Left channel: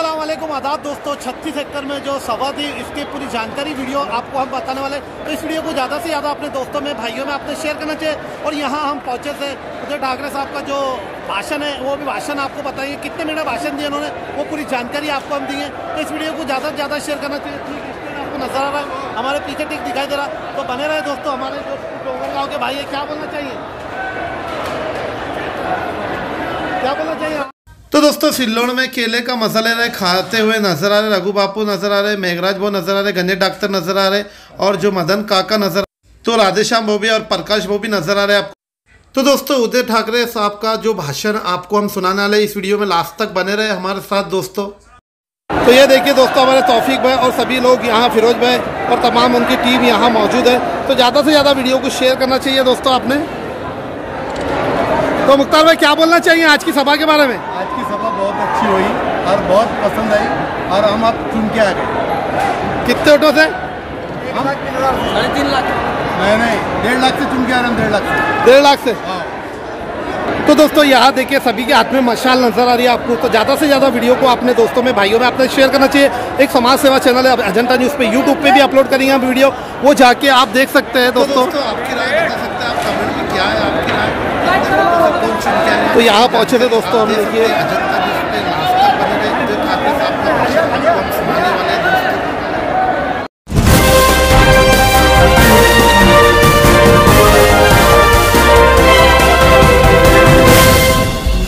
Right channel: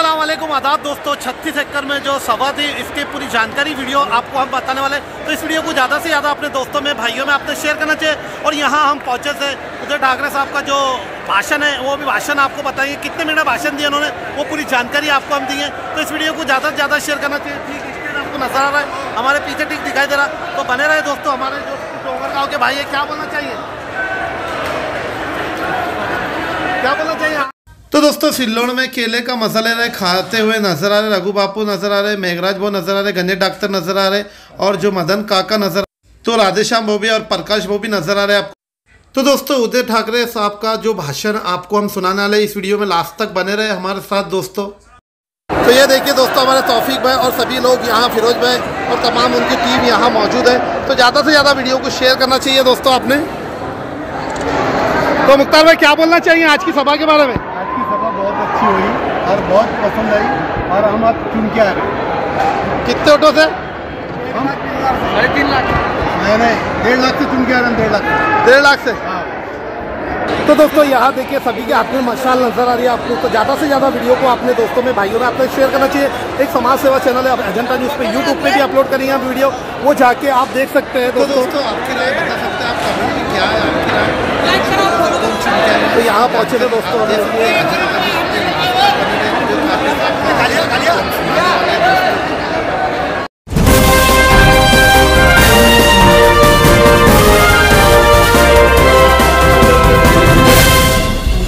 अस्सलाम वालेकुम आदाब दोस्तों। 36 एकड़ में जो सभा थी इसकी पूरी जानकारी वीडियो आपको हम बताने वाले, तो इस वीडियो को ज़्यादा से ज़्यादा अपने दोस्तों में भाइयों में आपने शेयर करना चाहिए। और यहाँ हम पहुँचे थे, उधर ठाकरे साहब का जो भाषण है वो भी भाषण आपको बताएंगे, कितने मिनट भाषण दिए उन्होंने, वो पूरी जानकारी आपको हम दिए। तो इस वीडियो को ज़्यादा से ज़्यादा शेयर करना चाहिए। ठीक स्टैंड आपको नजर आ रहा है, हमारे पीछे ठीक दिखाई दे रहा, तो बने रहे दोस्तों। हमारे जो डोंगर गाँव के भाई है, क्या बोलना चाहिए, क्या बोलना चाहिए? तो दोस्तों सिल्लोड़ में केले का मजा ले रहे खाते हुए नजर आ रहे रघु बापू नजर आ रहे, मेघराज भाऊ नजर आ रहे, गणेश डॉक्टर नजर आ रहे और जो मदन काका नजर, तो राधेश्याम भाऊ भी और प्रकाश भाऊ भी नजर आ रहे आपको। तो दोस्तों उदय ठाकरे साहब का जो भाषण आपको हम सुनाने वाले, इस वीडियो में लास्ट तक बने रहे हमारे साथ दोस्तों। तो ये देखिए दोस्तों, हमारे तौफीक भाई और सभी लोग यहाँ, फिरोज भाई और तमाम उनकी टीम यहाँ मौजूद है। तो ज़्यादा से ज़्यादा वीडियो को शेयर करना चाहिए दोस्तों आपने। तो मुख्तार भाई क्या बोलना चाहिए आज की सभा के बारे में? आज की सभा बहुत अच्छी हुई और बहुत पसंद आई और हम अब चुन के आ गए। कितने ऑटो से? हम 3.5 लाख। नहीं 1.5 लाख से चुन के आ रहे हैं। 1.5 लाख से। हाँ। तो दोस्तों यहाँ देखिए सभी के हाथ में मशाल नजर आ रही है आपको। तो ज़्यादा से ज़्यादा वीडियो को अपने दोस्तों में भाइयों में आपने शेयर करना चाहिए। एक समाज सेवा चैनल है अजंता न्यूज़ पे, यूट्यूब पे भी अपलोड करेंगे हम वीडियो, वो जाके आप देख सकते हैं दोस्तों। तो आपकी राय बता सकते हैं आप कमेंट में, क्या है आपकी राय? तो यहाँ पहुँचे थे दोस्तों, अजंता न्यूज़ पे लास्ट तक बने रहे, जो ठाकरे साहब को सुनाने वाले दोस्तों।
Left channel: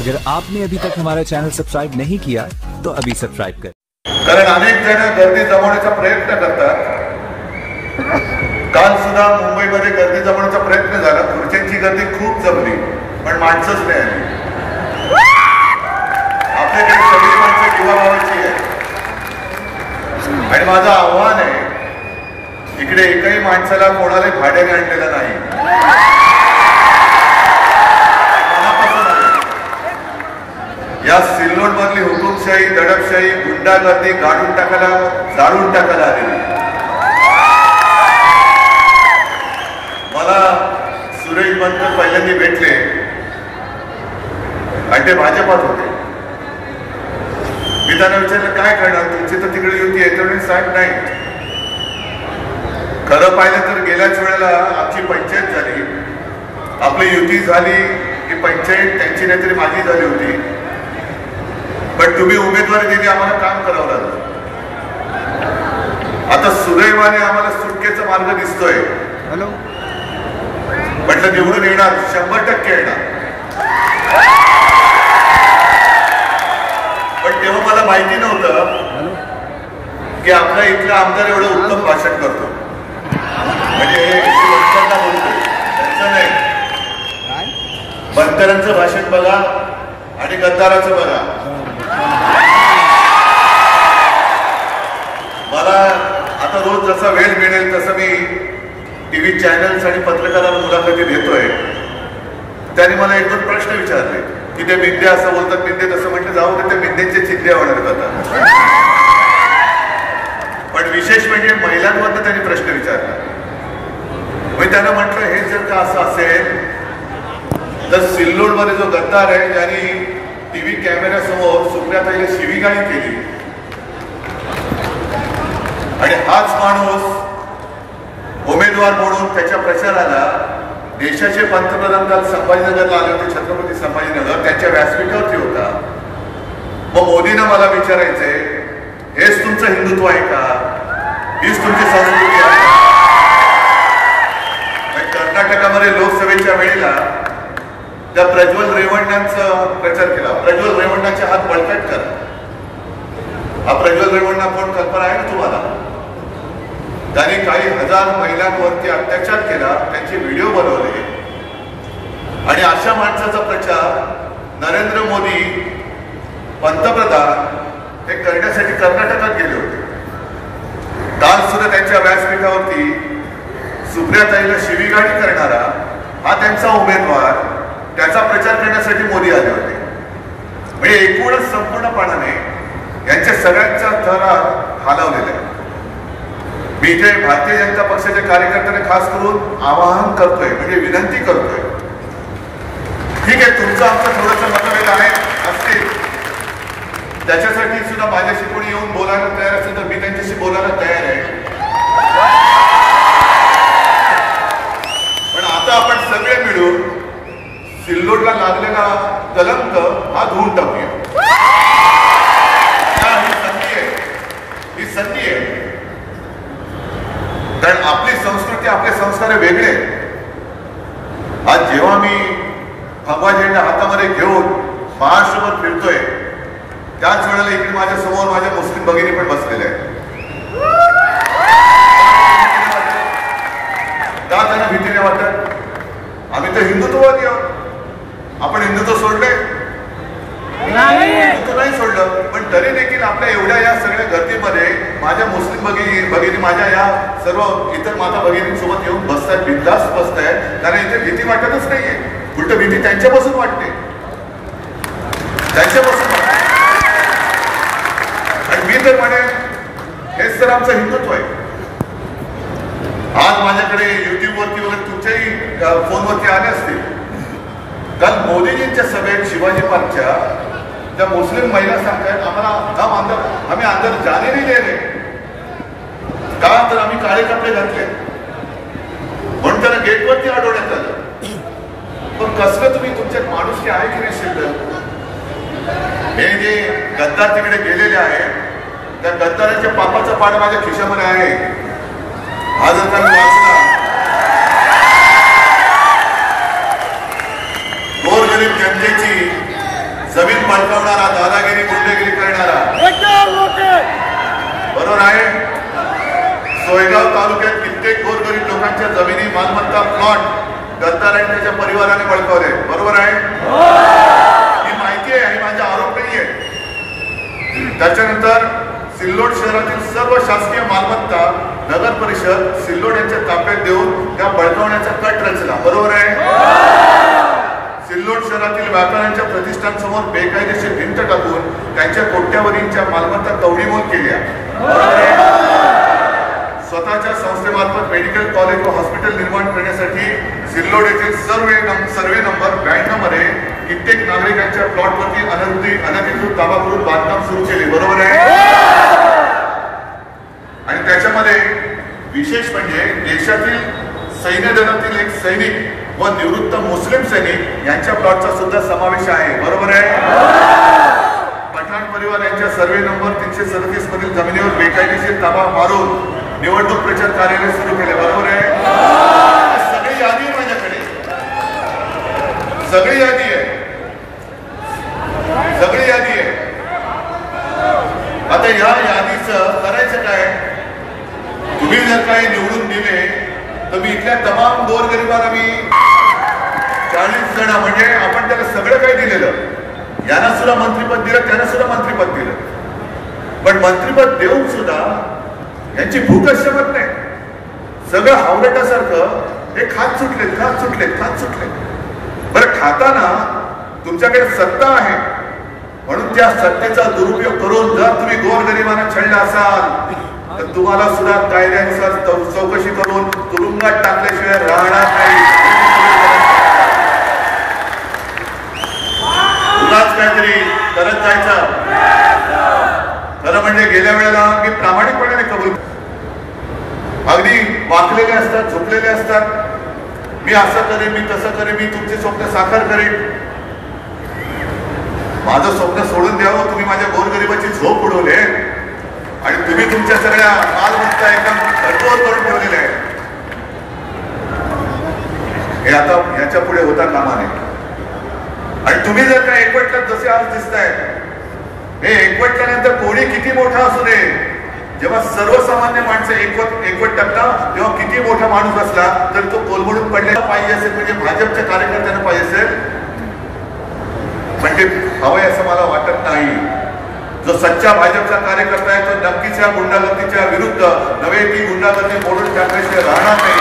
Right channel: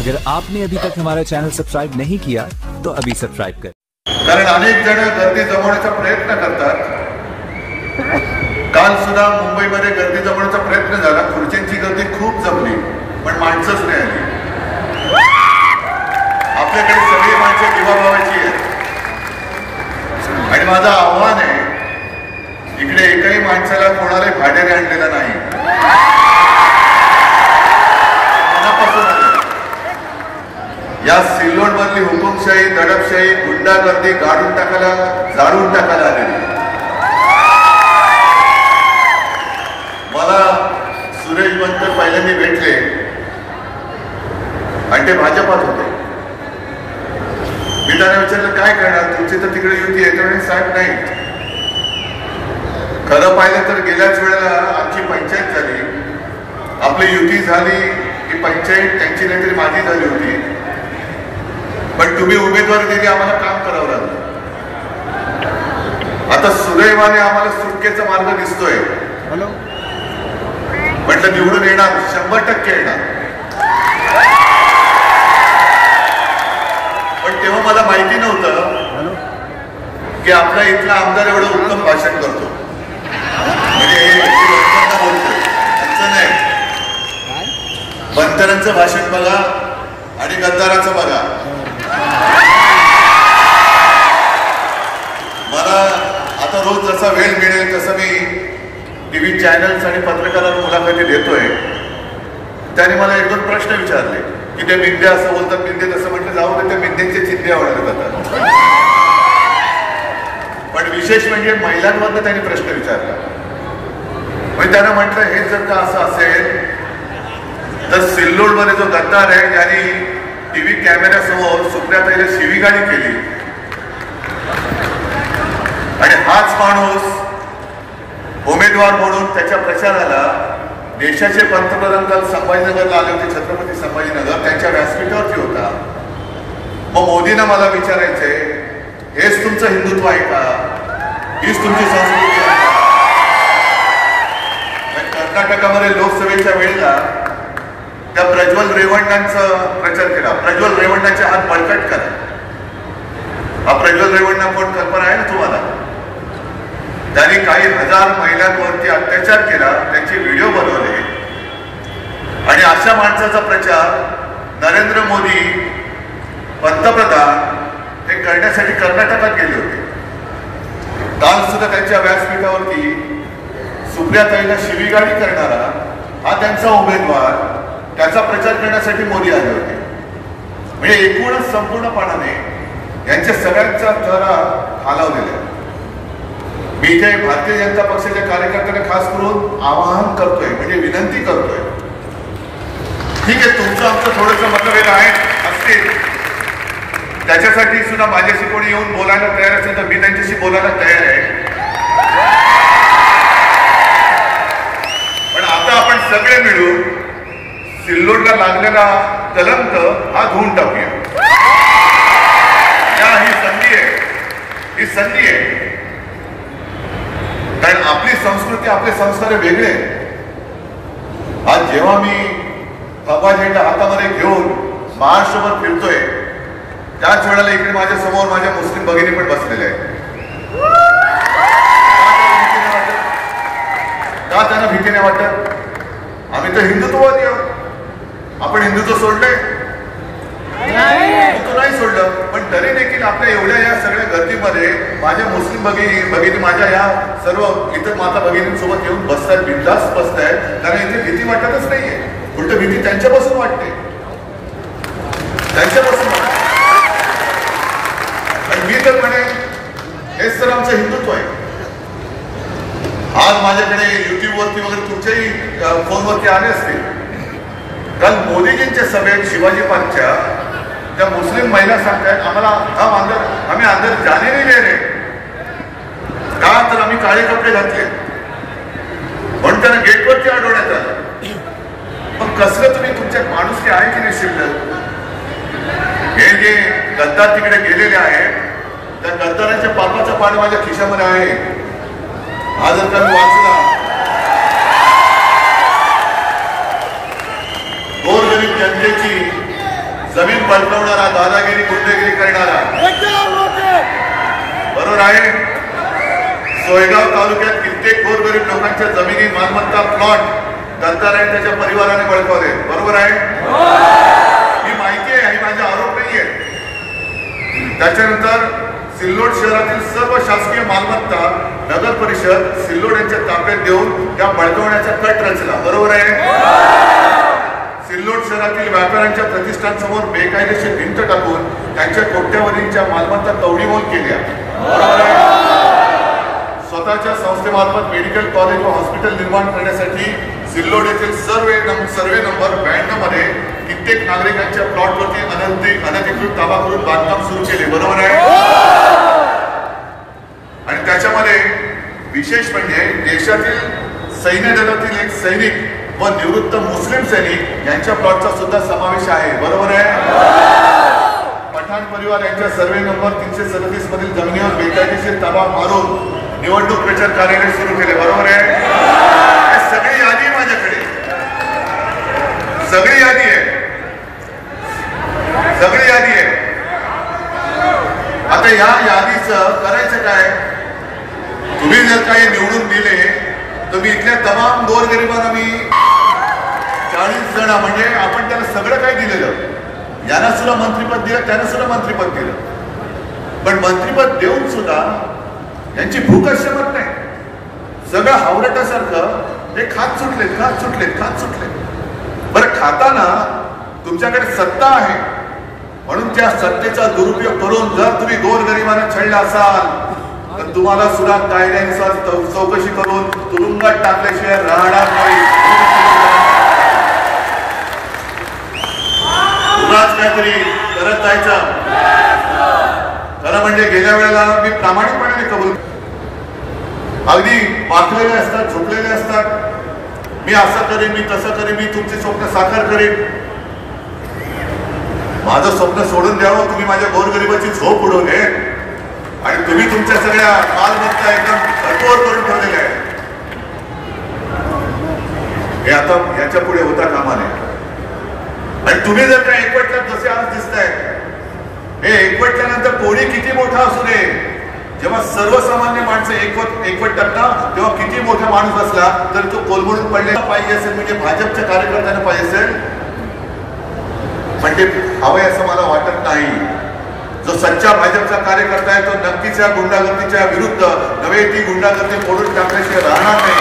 अगर आपने अभी तक हमारा चॅनल सबस्क्राईब नहीं किया तो अभी सबस्क्राईब कर। कारण अनेक जण गर्दी जमवण्याचा प्रयत्न करतात। काल सुद्धा मुंबईमध्ये गर्दी जमवण्याचा प्रयत्न झाला, खुर्च्यांची गर्दी खूप जमली पण माणसंच नाही आली। आपल्याकडे सगळी माणसं जीवाभावाची आहेत आणि माझं आव्हान आहे, इकडे एकही माणसाला कोणाला भाड्याने आणलेला नाही। या सिल्लोड मधली हुकुमशाही, दडपशाही, गुंडागर्दी काढून टाकायला, जाळून टाकायला आलेली। मला सुरेश बनकर पहिल्यांदा भेटले आणि ते भाजपात होते। मी त्यांना विचारलं काय करणार, तुमची तर तिकडे युती येते म्हणून साहेब नाही। खरं पाहिलं तर गेल्याच वेळेला आमची पंचायत झाली, आपली युती झाली की पंचायत त्यांची नाहीतरी माझी झाली होती, पण तुम्ही उमेदवारी दिली, आम्हाला काम करावं लागलं। आता सुदैवाने आम्हाला सुटकेचा मार्ग दिसतोय। हॅलो म्हटलं निवडून येणार, 100% येणार। पण तेव्हा मला माहिती नव्हतं की आपला इथला आमदार एवढं उत्तम भाषण करतो, म्हणजे बोलतोय त्यांचं नाही, बंतरांचं भाषण बघा आणि गद्दाराचं बघा। मला आता रोज जसा वेळ मिळेल तसं मी टीव्ही चॅनल्स आणि पत्रकारांना मुलाखती देतोय। त्याने मला एक दोन प्रश्न विचारले की ते मिंदे असं बोलतात, मिंदे तसं म्हटलं, जाऊ ते मिंदेचे चिंध्या वाढत जातात। पण विशेष म्हणजे महिलांवर त्यांनी प्रश्न विचारला। मी त्याने म्हटलं हे जर का असं असेल तर सिल्लोड मध्ये जो गद्दार आहे त्यांनी टीव्ही कॅमेऱ्यासमोर सुप्रियाताईला शिवीगाळी केली आणि हाच माणूस उमेदवार म्हणून त्याच्या प्रचाराला देशाचे पंतप्रधान काल संभाजीनगरला आले होते, छत्रपती संभाजीनगर, त्यांच्या व्यासपीठावरती होता। मग मोदींना मला विचारायचंय, हेच तुमचं हिंदुत्व आहे का? हीच तुमची संस्कृती आहे का? कर्नाटकामध्ये लोकसभेच्या वेळेला त्या प्रज्वल रेवण्णांचा प्रचार केला। प्रज्वल रेवण्णाचे हात बळकट करा। हा प्रज्वल रेवण्णा कोण कल्पना आहे ना तुम्हाला? त्यांनी काही हजार महिलांवरती अत्याचार केला, त्यांचे व्हिडिओ बनवले आणि अशा माणसाचा प्रचार नरेंद्र मोदी पंतप्रधान हे करण्यासाठी कर्नाटकात गेले होते। काल सुद्धा त्यांच्या व्यासपीठावरती सुप्रियाताईला शिवीगाळी करणारा हा त्यांचा उमेदवार, त्याचा प्रचार करण्यासाठी मोदी आले होते। म्हणजे एकूणच संपूर्णपणाने यांच्या सगळ्यांचा थरा हलवलेला आहे। मी इथे भारतीय जनता पक्षाच्या कार्यकर्त्यांना खास करून आवाहन करतोय, म्हणजे विनंती करतोय, ठीक आहे तुमचं आमचं थोडंसं मतभेद आहे असतील, त्याच्यासाठी सुद्धा माझ्याशी कोणी येऊन बोलायला तयार असेल तर मी त्यांच्याशी बोलायला तयार आहे. पण आता आपण सगळे मिळून सिल्लोडला लागलेला कलंक हा धुवून टाकूया. ही संधी आहे, ही संधी आहे. कारण आपली संस्कृती, आपले संस्कार वेगळे. आज जेव्हा मी भगवा झेंडा हातामध्ये घेऊन महाराष्ट्रभर फिरतोय त्याच वेळेला इकडे माझ्या समोर माझ्या मुस्लिम भगिनी पण बसलेल्या आहेत. का त्यांना भीती नाही वाटत? आम्ही तर हिंदुत्ववादी आहोत. आपण हिंदुत्व सोडलंय? हिंदुत्व नाही सोडलं. पण तरी देखील आपल्या एवढ्या या सगळ्या गर्दीमध्ये माझ्या मुस्लिम भगिनी माझ्या या सर्व इतर माता भगिनींसोबत येऊन बसतात, बिनधास्त बसतायत. कारण इथे भीती वाटतच नाहीये. उलट भीती त्यांच्यापासून वाटते, त्यांच्यापासून वाटते. आणि मी तर म्हणेन हेच तर आमचं हिंदुत्व आहे. आज माझ्याकडे युट्यूबवरती वगैरे तुमच्याही फोनवरती आले असतील. काल मोदीजींच्या सभेत शिवाजी पार्कच्या त्या मुस्लिम महिला सांगतायत आम्हाला आम्ही अंदर जाने नाही दे रहे. का तर आम्ही काळे कपडे घातले म्हणून त्यांना गेटवरती अडवण्यात आलं. पण कसलं तुम्ही तुमच्यात माणूस आहे की नाही शिल्लक? हे जे गद्दार तिकडे गेलेले आहेत त्या गद्दाराच्या पापाचा पाड माझ्या खिशामध्ये आहे. हा जर त्यांनी वाचला गोरगरीब जनतेची जमीन बळकावणारा, दादागिरी गुंडगिरी करणारा, बरोबर आहे. सोयगाव तालुक्यात कित्येक गोरगरीब लोकांच्या जमिनी, मालमत्ता, प्लॉट गद्दाराने त्याच्या परिवाराने बळकावले, बरोबर आहे. ही माहिती आहे, ही माझा आरोप नाहीये. त्याच्यानंतर सिल्लोड शहरातील सर्व शासकीय मालमत्ता नगर परिषद सिल्लोड यांच्या ताब्यात देऊन त्या बळकावण्याचा कट रचला, बरोबर आहे. सिल्लोड शहरातील व्यापाऱ्यांच्या प्रतिष्ठानसमोर बेकायदेशीर भिंत टाकून त्यांच्या कोट्यावधींच्या मालमत्ता तवडीमोल केल्या, बरोबर आहे. स्वतःच्या संस्थेमार्फत मेडिकल कॉलेज व हॉस्पिटल निर्माण करण्यासाठी सिल्लोड येथील सर्वे नंबर 92 मध्ये कित्येक नागरिकांच्या प्लॉटवरती अनधिकृत ताबा करून बांधकाम सुरू केले, बरोबर आहे. आणि त्याच्यामध्ये विशेष म्हणजे देशातील सैन्य दलातील एक सैनिक व निवृत्त मुस्लिम सैनिक यांच्या प्लॉटचा सुद्धा समावेश आहे, बरोबर आहे. पठाण परिवार यांच्या सर्वे नंबर 337 मधील जमिनीवर बेकायदेशीर ताबा मारून निवडणूक प्रचार कार्यालय सुरू केले, बरोबर आहे. सगळी यादी आहे माझ्याकडे, सगळी यादी आहे, सगळी यादी आहे. आता या यादीचं करायचं काय? तुम्ही जर काही निवडून दिले तर मी इथल्या तमाम गोरगरिबांना मी 40 जण म्हणजे आपण त्याला सगळं काही दिलेलं. यांना सुद्धा मंत्रिपद दिलं, त्यांना सुद्धा मंत्रिपद दिलं. पण मंत्रिपद देऊन सुद्धा यांची भूक अशमत नाही. सगळं हावरटासारखं हे खात सुटले. बरं, खाताना तुमच्याकडे सत्ता आहे म्हणून त्या सत्तेचा दुरुपयोग करून जर तुम्ही गोरगरिबांना छळलं असाल तर तुम्हाला सुद्धा कायद्यानुसार चौकशी करून तुरुंगात टाकल्याशिवाय राहणार नाही. पुन्हाच काहीतरी करत जायचं. खरं म्हणजे गेल्या वेळेला मी प्रामाणिकपणे कबूल, अगदी वाकलेले असतात, झोपलेले असतात. मी असं करेन, मी तसं करेन, मी तुमचे स्वप्न साकार करेन. माझं स्वप्न सोडून द्यावं, तुम्ही माझ्या गोरगरिबाची झोप उडवले आणि तुम्ही तुमच्या सगळ्या मालमत्ता एकदम कठोर करून ठेवलेल्या आहे. हे आता याच्या पुढे होता कामा नये. आणि तुम्ही जर काय एकवटल्यात जसे आज दिसत आहेत, हे एकवटल्यानंतर कोणी किती मोठा असू दे, जेव्हा सर्वसामान्य माणसं एकवटतात तेव्हा किती मोठा माणूस असला तरी तो कोलमडून पडलेला पाहिजे असेल, म्हणजे भाजपच्या कार्यकर्त्यांना पाहिजे असेल म्हणजे हवंय असं मला वाटत नाही. जो सच्चा भाजपचा कार्यकर्ता आहे तो नक्कीच या गुंडागर्दीच्या विरुद्ध नव्हे, ती गुंडागर्दी मोडून टाकल्याशिवाय राहणार नाही.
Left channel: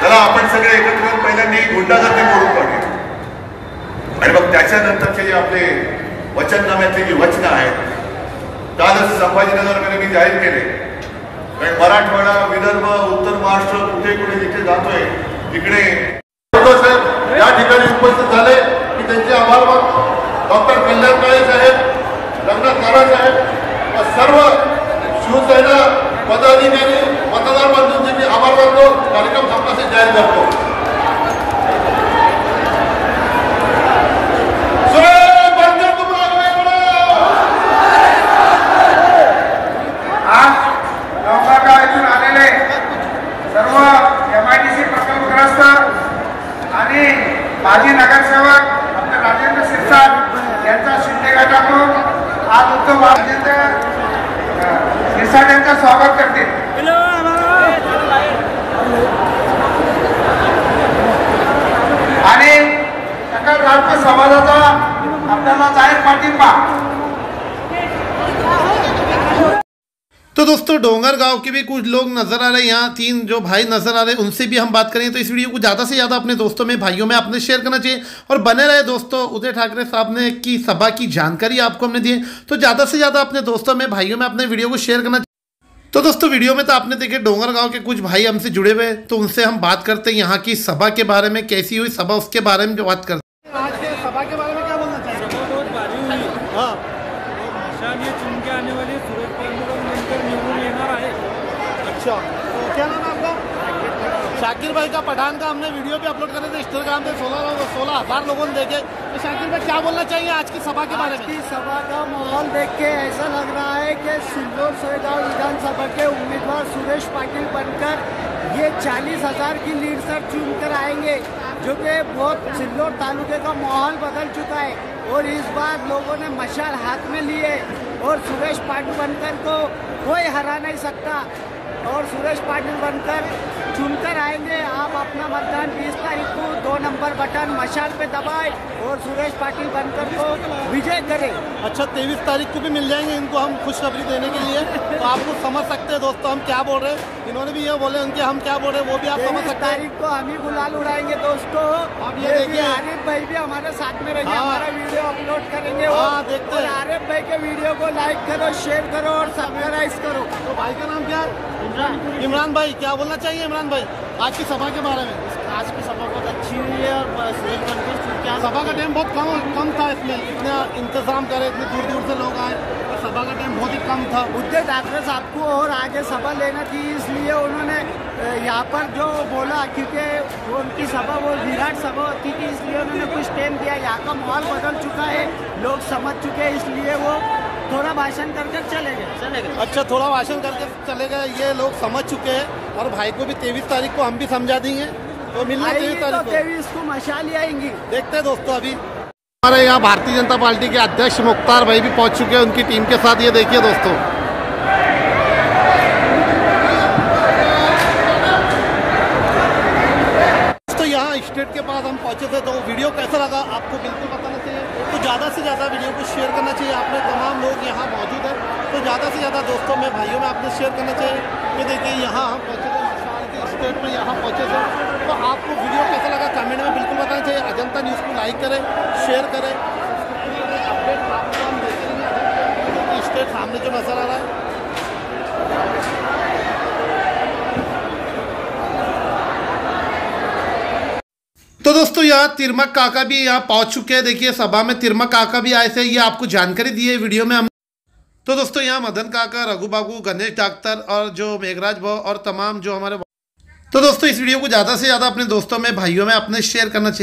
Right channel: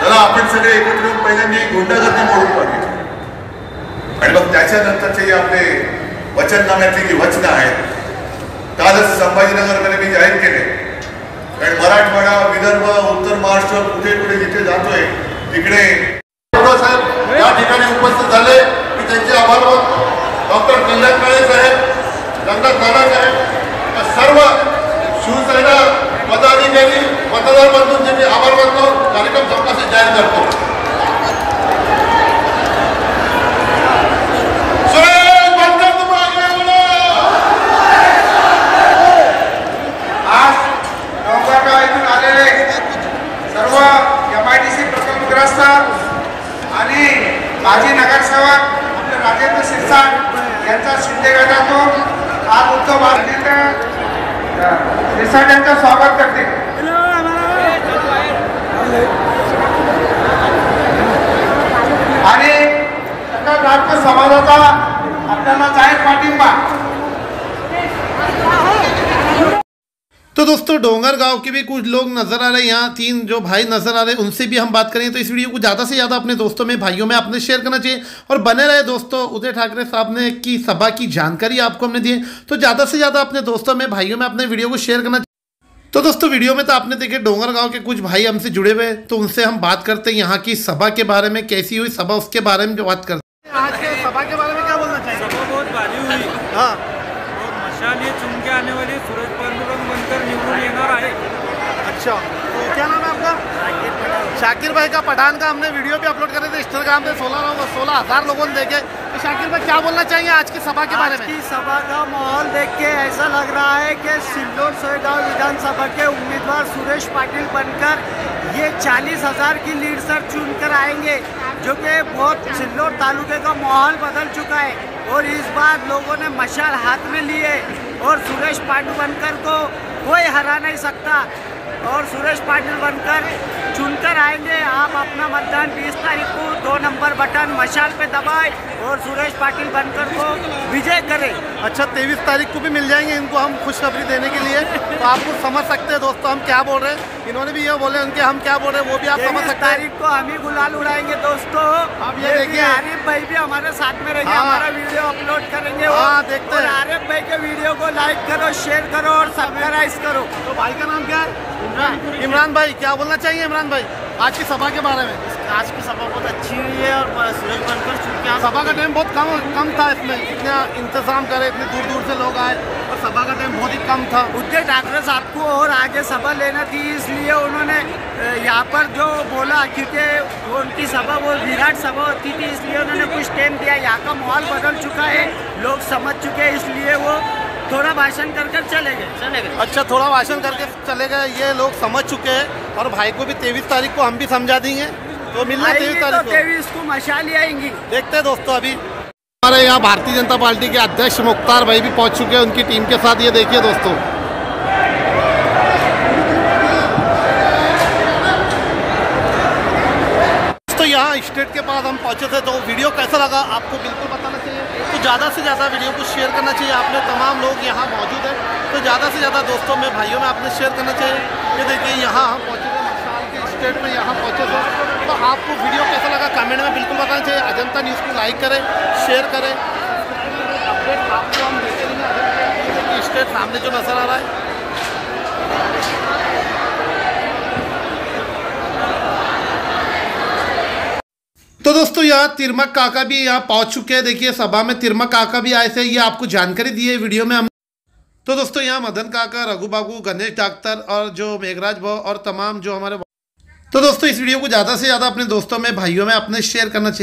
त्याला आपण सगळे एकत्र येऊन पहिल्यांदा गुंडागर्दी मोडून काढली आणि मग त्याच्यानंतरचे जे आपले वचननाम्यातली जी वचनं आहेत, कालच संभाजीनगरमध्ये मी जाहीर केले. कारण मराठवाडा, विदर्भ, उत्तर महाराष्ट्र कुठे कुठे जिथे जातोय तिकडे या ठिकाणी उपस्थित झाले की त्यांचे आभार डॉक्टर कल्याण काळे साहेब, रंगनाथ नाना साहेब, सर्व शिवसेना पदाधिकारी मतदार बांधूंचे मी आभार मानतो. कार्यक्रम संपल्याचे जाहीर करतो. सर्व MIDC प्रकल्पग्रस्त आणि माजी नगरसेवक आपले राजेंद्र शिरसाट यांचा शिंदे गटातून आज उत्सव राजेंद्र शिरसाट यांचं स्वागत करते. आणि सकल भारतीय समाजाचा आपल्याला जाहीर पाठिंबा. तो दोस्तों डोंगर गांव के भी कुछ लोग नजर आ रहे हैं, यहाँ 3 जो भाई नजर आ रहे हैं उनसे भी हम बात करेंगे. तो इस वीडियो को ज़्यादा से ज़्यादा अपने दोस्तों में भाइयों में आपने शेयर करना चाहिए और बने रहे दोस्तों. उदय ठाकरे साहब ने की सभा की जानकारी आपको हमने दी है, तो ज़्यादा से ज़्यादा अपने दोस्तों में भाइयों में अपने वीडियो को शेयर करना चाहिए. तो दोस्तों वीडियो में तो आपने देखे डोंगर गाँव के कुछ भाई हमसे जुड़े हुए हैं, तो उनसे हम बात करते हैं यहाँ की सभा के बारे में, कैसी हुई सभा उसके बारे में जो बात करते हैं. आज के सभा के बारे में क्या बोलना चाहिए? सभा बहुत भारी हुई. हाँ, मशाल ये चुन के आने वाली सूरज पांडुरंग बनकर निवडून येणार आहे. अच्छा, तो क्या नाम है आपका? शाकिर भाई का पठान का हमने वीडियो भी अपलोड करे थे इंस्टाग्राम पे. 16,000 लोगों ने देखे. तो शाकिर भाई क्या बोलना चाहिए आज की सभा के बारे में? आज की सभा का माहौल देख के ऐसा लग रहा है कि सिल्लोड सोयगांव विधानसभा के उम्मीदवार सुरेश पाटिल बनकर ये 40,000 की लीड से चुनकर आएंगे, जो कि बहुत सिल्लोड तालुके का माहौल बदल चुका है. और इस बार लोगों ने मशाल हाथ में ली है और सुरेश पाटिल बनकर को कोई हरा नहीं सकता. और सुरेश पाटिल बनकर चुनकर आएंगे. आप अपना मतदान 20 तारीख को 2 नंबर बटन मशाल पे दबाए और सुरेश पाटिल बनकर को विजय करें. अच्छा, 23 तारीख को भी मिल जाएंगे इनको हम खुशखबरी देने के लिए. तो आप कुछ समझ सकते हैं दोस्तों हम क्या बोल रहे हैं. इन्होंने भी ये बोले उनके हम क्या बोल रहे हैं वो भी आप समझ सकते हैं. तारीख को हम ही गुलाल उड़ाएंगे दोस्तों. आप ये देखिए आरिफ भाई भी हमारे साथ में रहेंगे. हाँ, हमारा वीडियो अपलोड करेंगे. हाँ, देखते हैं. आरिफ भाई के वीडियो को लाइक करो, शेयर करो और सब्सक्राइब करो. तो भाई का नाम क्या है? इमरान भाई. क्या बोलना चाहिए इमरान भाई आज की सभा के बारे में? आज की सभा बहुत अच्छी हुई है और सुरेश बनकर चुनकर सभा का टाइम बहुत कम था. इसमें इतना इंतजाम करे, इतने दूर दूर से लोग आए और सभा का टाइम बहुत ही कम था. उदय ठाकरे साहब को और आगे सभा लेना थी, इसलिए उन्होंने यहाँ पर जो बोला, क्योंकि वो उनकी सभा वो विराट सभा होती थी, इसलिए उन्होंने कुछ टाइम दिया. यहाँ का माहौल बदल चुका है, लोग समझ चुके हैं, इसलिए वो थोड़ा भाषण कर चले गए. अच्छा, थोड़ा भाषण करके चले गए. ये लोग समझ चुके हैं और भाई को भी 23 तारीख को हम भी समझा देंगे. तो मिलना 23 तारीख को. 23 को मशाल ही आएंगी. देखते हैं दोस्तों. अभी हमारे यहाँ भारतीय जनता पार्टी के अध्यक्ष मुख्तार भाई भी पहुंच चुके हैं उनकी टीम के साथ. ये देखिए दोस्तों, तो यहाँ स्टेट के पास हम पहुंचे थे. तो वीडियो कैसा लगा आपको बिल्कुल बताना चाहिए. तो ज़्यादा से ज़्यादा वीडियो को शेयर करना चाहिए. आपने तमाम लोग यहाँ मौजूद हैं, तो ज़्यादा से ज़्यादा दोस्तों में भाइयों में आपने शेयर करना चाहिए. ये देखिए यहाँ हम पहुँचे थे मशाल के स्टेट में, यहाँ पहुँचे थे. तो आपको वीडियो कैसा लगा कमेंट में बिल्कुल बताना चाहिए. अजंता न्यूज़ को लाइक करें, शेयर करें. अपडेट आपको हम देखेंगे. स्टेट सामने जो नज़र आ रहा है, तो दोस्तों यहाँ तिरमक काका भी यहाँ पहुंच चुके हैं. देखिए सभा में तिरमक काका भी आए थे, ये आपको जानकारी दी है वीडियो में हम. तो दोस्तों यहाँ मदन काका, रघु बाबू, गणेश डॉक्टर और जो मेघराज भाव और तमाम जो हमारे. तो दोस्तों इस वीडियो को ज़्यादा से ज़्यादा अपने दोस्तों में भाइयों में अपने शेयर करना चाहिए.